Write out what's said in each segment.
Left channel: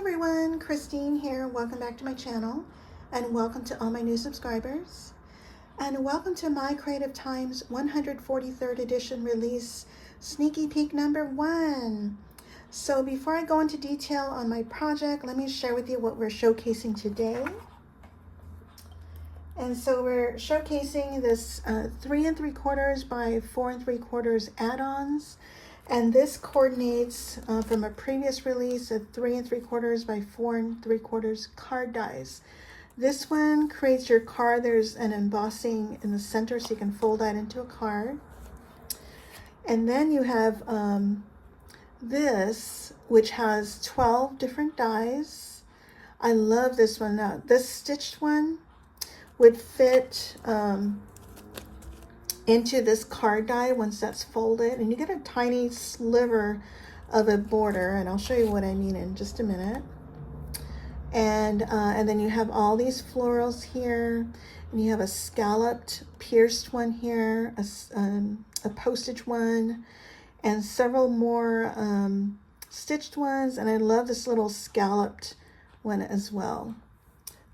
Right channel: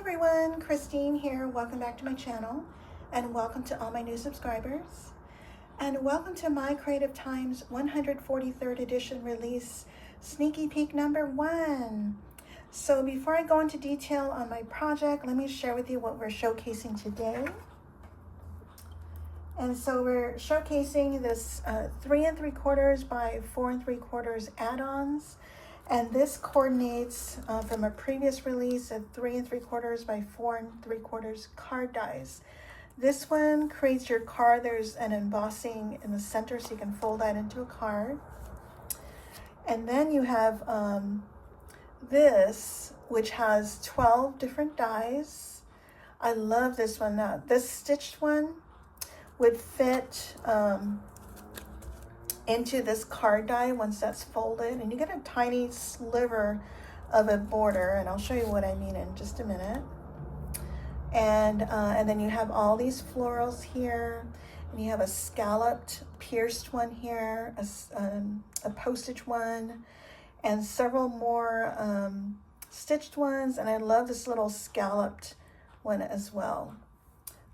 everyone, Christine here. Welcome back to my channel, and welcome to all my new subscribers, and welcome to My Creative Time's 143rd edition release, sneaky peek number 1. So before I go into detail on my project, let me share with you what we're showcasing today. And so we're showcasing this 3 3/4 by 4 3/4 add-ons. And this coordinates from a previous release of 3 3/4 by 4 3/4 card dies. This one creates your card. There's an embossing in the center so you can fold that into a card. And then you have this, which has 12 different dies. I love this one. Now, this stitched one would fit into this card die once that's folded, and you get a tiny sliver of a border, and I'll show you what I mean in just a minute. And then you have all these florals here, and you have a scalloped pierced one here, a postage one, and several more stitched ones. And I love this little scalloped one as well.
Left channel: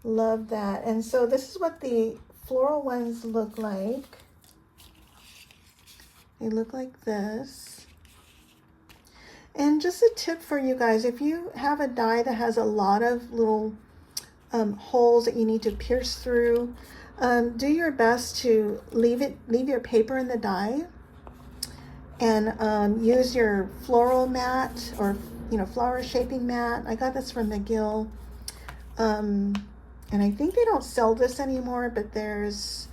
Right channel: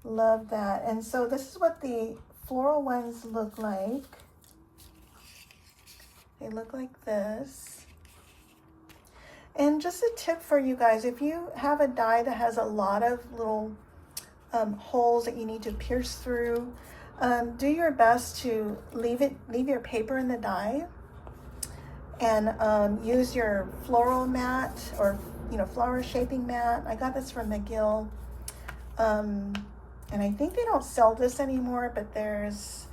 Love that. And so this is what the floral ones look like. They look like this. And just a tip for you guys, if you have a die that has a lot of little holes that you need to pierce through, do your best to leave your paper in the die, and use your floral mat, or flower shaping mat. I got this from McGill, and I think they don't sell this anymore, but there's,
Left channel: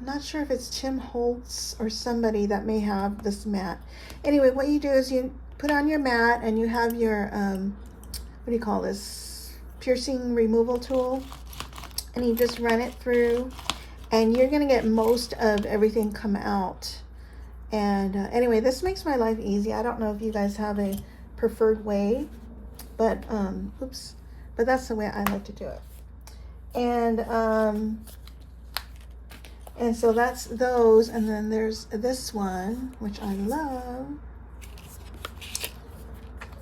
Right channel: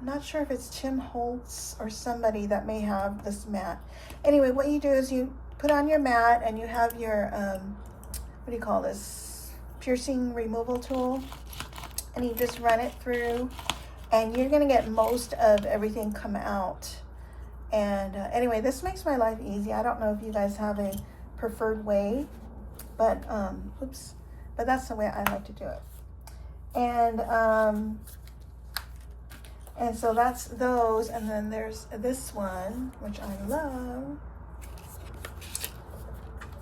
I'm not sure if it's Tim Holtz or somebody that may have this mat. Anyway, what you do is you put on your mat, and you have your, what do you call this, piercing removal tool, and you just run it through, and you're going to get most of everything come out. And anyway, this makes my life easy. I don't know if you guys have a preferred way, but but that's the way I like to do it. And so that's those, and then there's this one, which I love.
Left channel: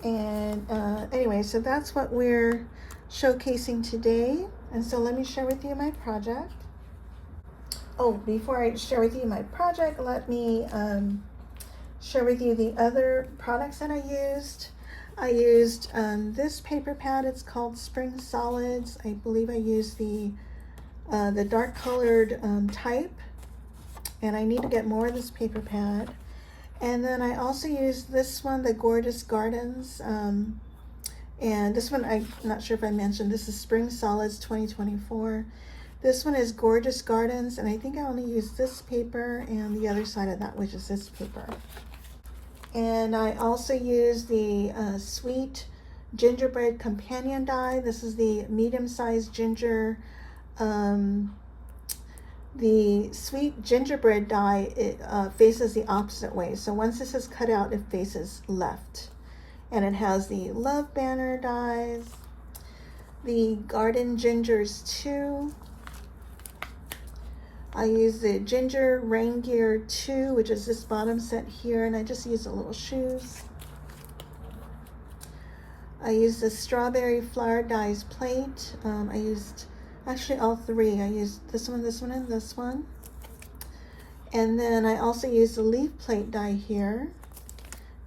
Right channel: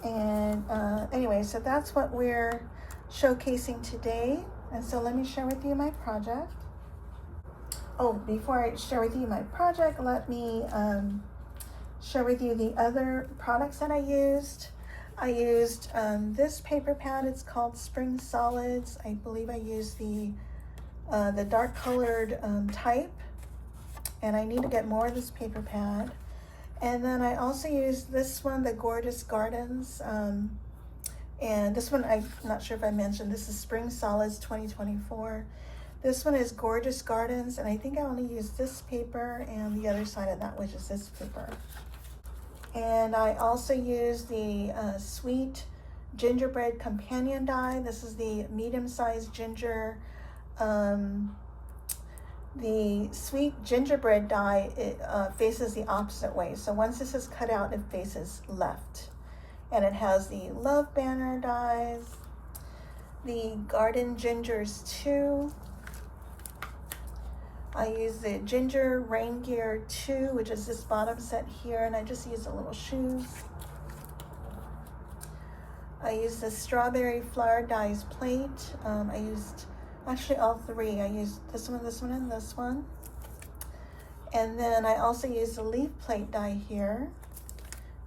And anyway, so that's what we're showcasing today. And so let me share with you my project. Oh, before I share with you my project, let me share with you the other products that I used. I used this paper pad. It's called Spring Solids. I believe I used the dark colored type, and I need to get more of this paper pad. And then I also used this one, the Gorgeous Gardens, and this one, I'm not sure if I mentioned, this is Spring Solids 2024. This one is Gorgeous Gardens, and I think I only used this paper and the other side of that, which is this paper. And I also used the Sweet Gingerbread Companion die. This is the medium-sized ginger. The Sweet Gingerbread die, it faces the opposite way. So once this is cut out, it faces left. And it has the Love Banner dies, the Garden Gingers 2. I use the Ginger Rain Gear 2, which is this bottom set here, and I just use the little shoes. I used the Strawberry Flower Dies plate. I used actually all three. I used this one, and this one. And then I also used the leaf plate die here.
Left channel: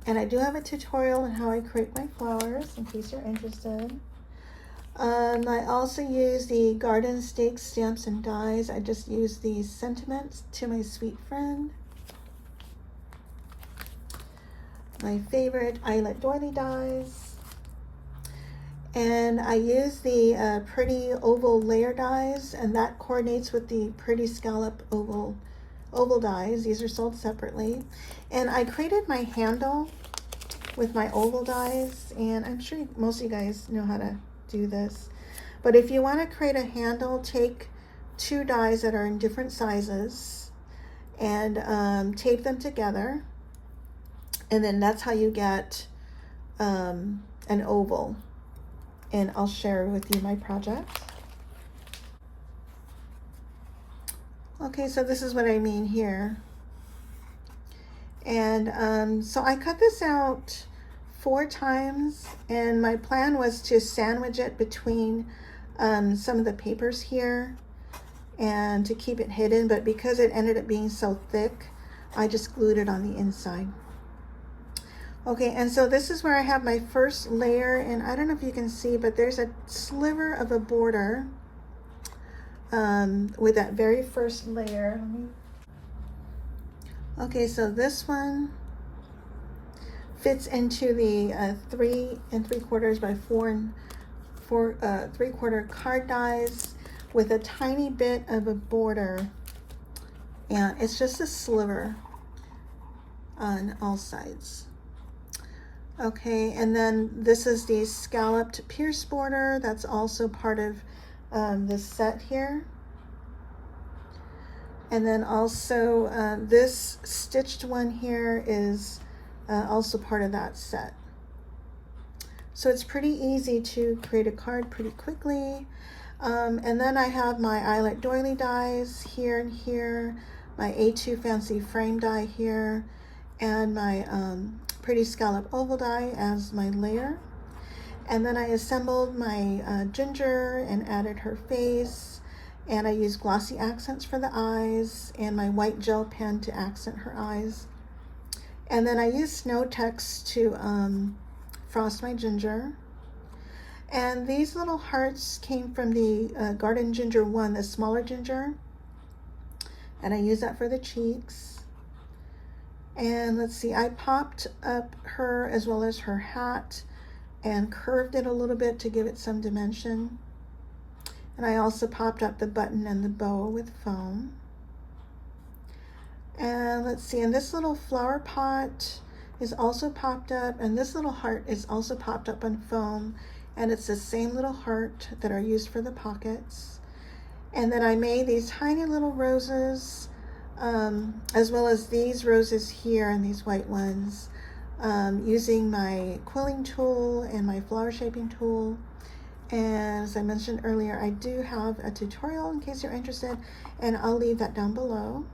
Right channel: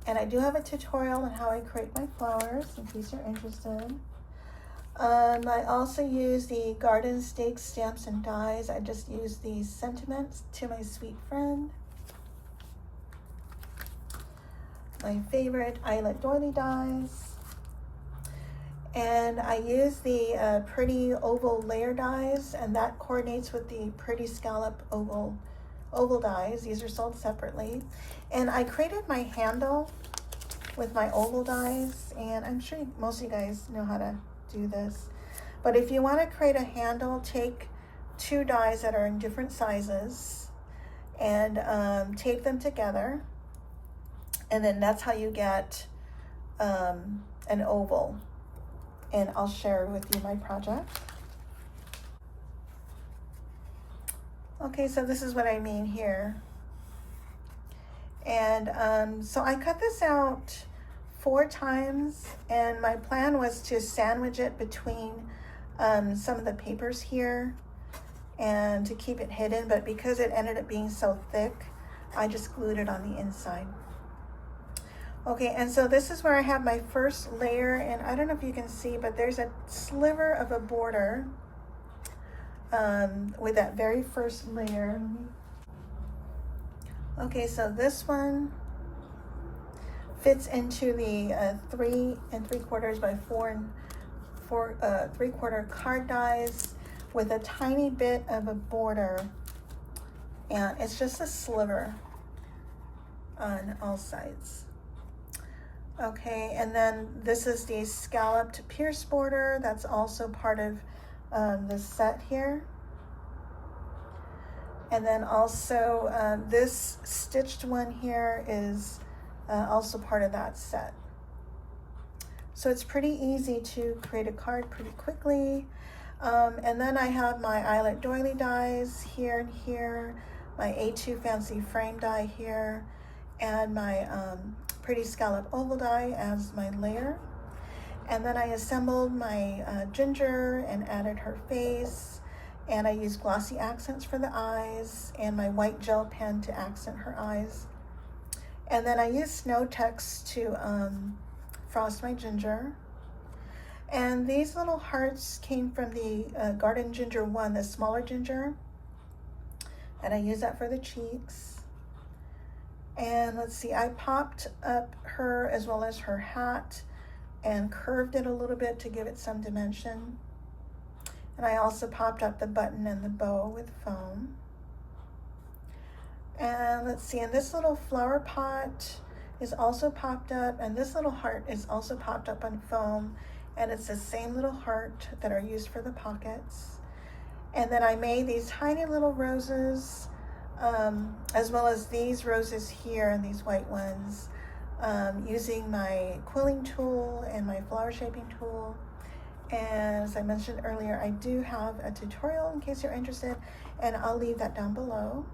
And I do have a tutorial on how I create my flowers, in case you're interested. I also use the Garden Stakes stamps and dies. I just used the Sentiments to My Sweet Friend. My favorite Eyelet Doily dies. And I use the pretty oval layer dies, and that coordinates with the pretty scallop oval dies. These are sold separately. And I created my handle with my oval dies, and I'm sure most of you guys know how to do this. But if you want to create a handle, take 2 dies that are in different sizes and tape them together, and then that's how you get an oval. And I'll share with you my project. Okay, so this is what I mean here. And so I cut this out 4 times, and my plan was to sandwich it between some of the papers here and to keep it hidden, but because it ended up being so thick, I just glued it on the inside. Okay, and so this is where I have my first layer, and I don't know if you can see, but there's a sliver of a border with that very first layer. Okay, so this one fits into the 3 3/4 by 4 3/4 card dies with a tiny bit of a border, and it's just a sliver on all sides. Okay, and then this is the scalloped pierce border that's also part of the set here. And then also this stitched one here is also part of that set. So it's pretty easy to create a card pretty quickly. And then I have my Eyelet Doily dies here and here, my A2 fancy frame die here, and my pretty scallop oval die as my layer. And then I assembled my ginger and added her face, and I used glossy accents for the eyes and my white gel pen to accent her eyes. And then I used snow text to frost my ginger. And these little hearts came from the Garden Ginger 1, the smaller ginger, and I used that for the cheeks. And let's see, I popped up her as well as her hat and curved it a little bit to give it some dimension. And I also popped up the button and the bow with foam. And let's see, and this little flower pot is also popped up, and this little heart is also popped up on foam, and it's the same little heart that are used for the pockets. And then I made these tiny little roses, as well as these roses here and these white ones, using my quilling tool and my flower shaping tool. And as I mentioned earlier, I do have a tutorial in case you're interested, and I'll leave that down below.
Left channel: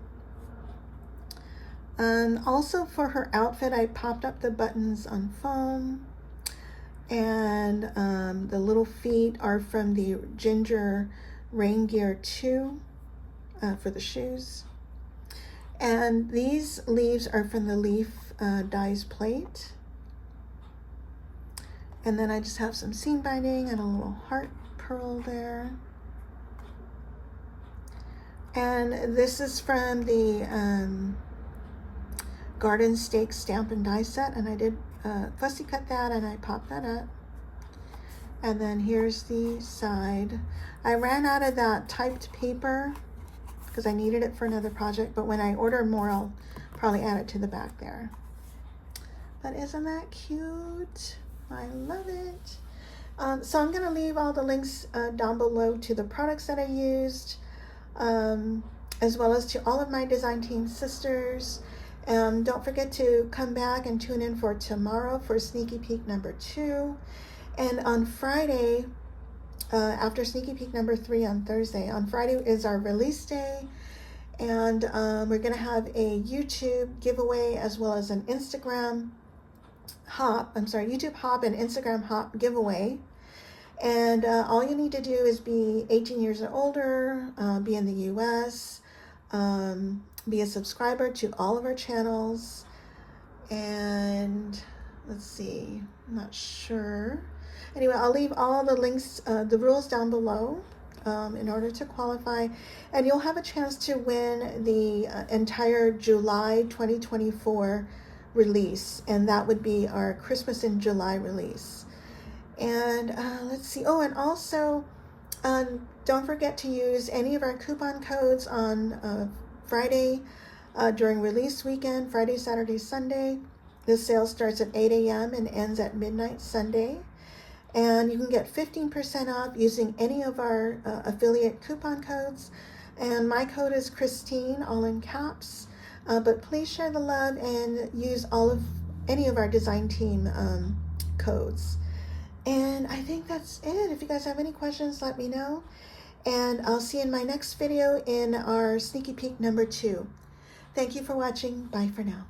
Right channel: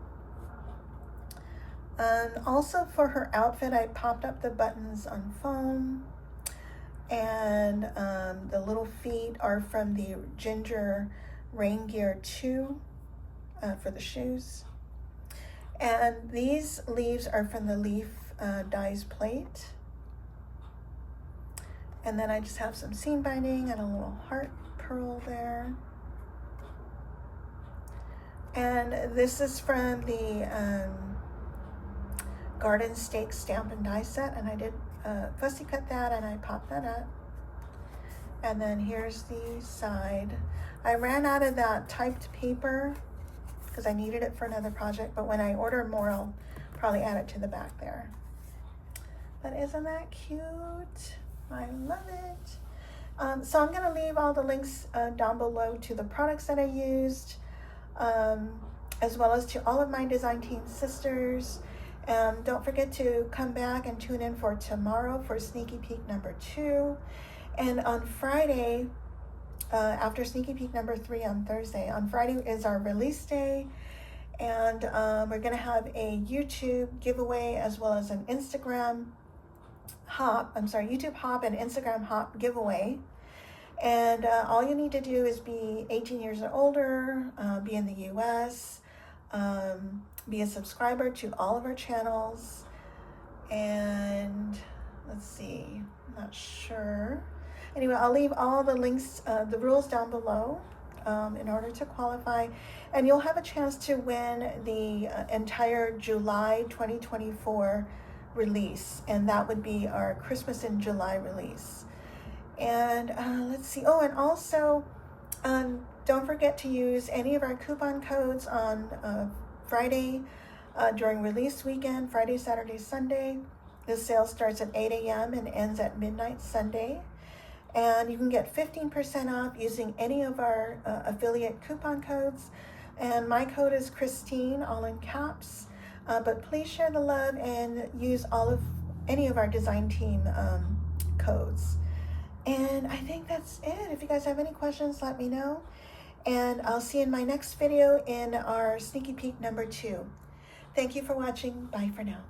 Also for her outfit, I popped up the buttons on foam, and the little feet are from the Ginger Rain Gear 2 for the shoes. And these leaves are from the Leaf Dies plate. And then I just have some seam binding and a little heart pearl there. And this is from the Garden Stake Stamp and Die set, and I did fussy cut that and I popped that up. And then here's the side. I ran out of that typed paper because I needed it for another project, but when I order more, I'll probably add it to the back there. But isn't that cute? I love it. So I'm going to leave all the links down below to the products that I used, as well as to all of my design team sisters. Don't forget to come back and tune in for tomorrow for sneaky peek number 2. And on Friday, after sneaky peek number 3 on Thursday, on Friday is our release day, and we're going to have a YouTube giveaway as well as an YouTube hop and Instagram hop giveaway. And all you need to do is be 18 years or older, be in the US, be a subscriber to all of our channels, and let's see, I'm not sure. Anyway, I'll leave all the links, the rules down below in order to qualify, and you'll have a chance to win the entire July 2024 release, and that would be our Christmas in July release. And let's see, oh, and also don't forget to use any of our coupon codes on Friday during release weekend, Friday, Saturday, Sunday. The sale starts at 8 a.m. and ends at midnight Sunday. And you can get 15% off using any of our affiliate coupon codes. And my code is Christine, all in caps. But please share the love and use any of our design team codes. And I think that's it. If you guys have any questions, let me know. And I'll see you in my next video in our sneaky peek number 2. Thank you for watching. Bye for now.